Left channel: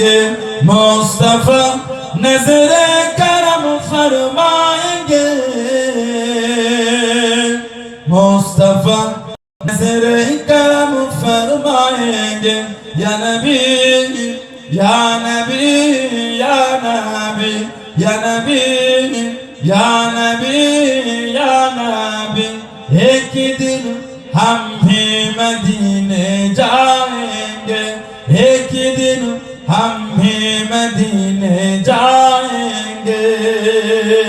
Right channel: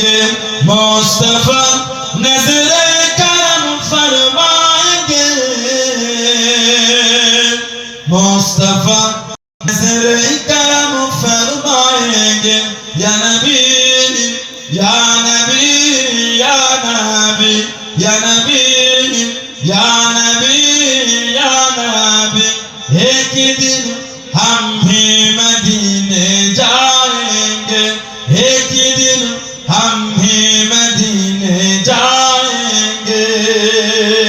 گے مصطفیٰ نظر کرم فرمائیں گے مصطفیٰ نظر کرم فرمائیں گے یا نبی یا نبی یا نبی یا نبی یا نبی یا نبی ایک دن ہم بھی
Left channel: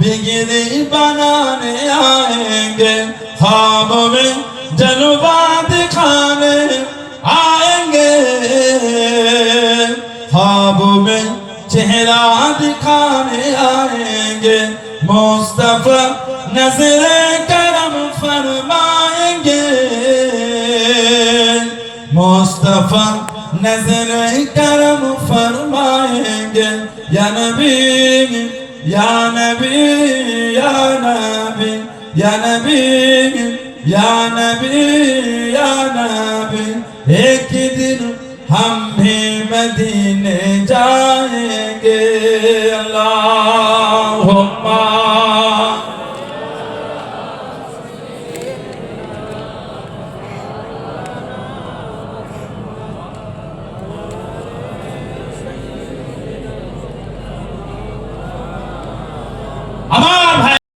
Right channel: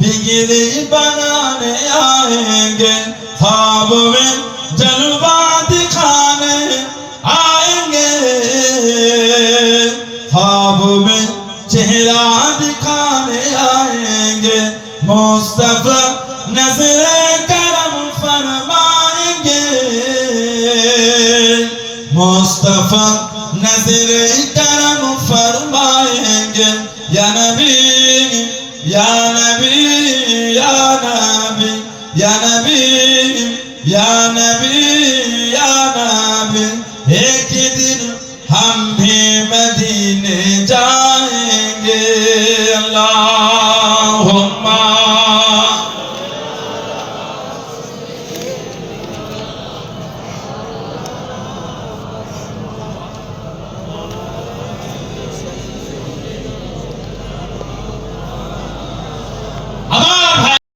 بگری بنانے آئیں گے خواب میں جلوہ دکھانے آئیں گے خواب میں چہرہ دکھانے آئیں گے مصطفیٰ نظر کرم فرمائیں گے مصطفیٰ نظر کرم, کرم فرمائیں گے یا نبی ya nabi ya nabi ek din ہم مدینے جائیں گے اللہ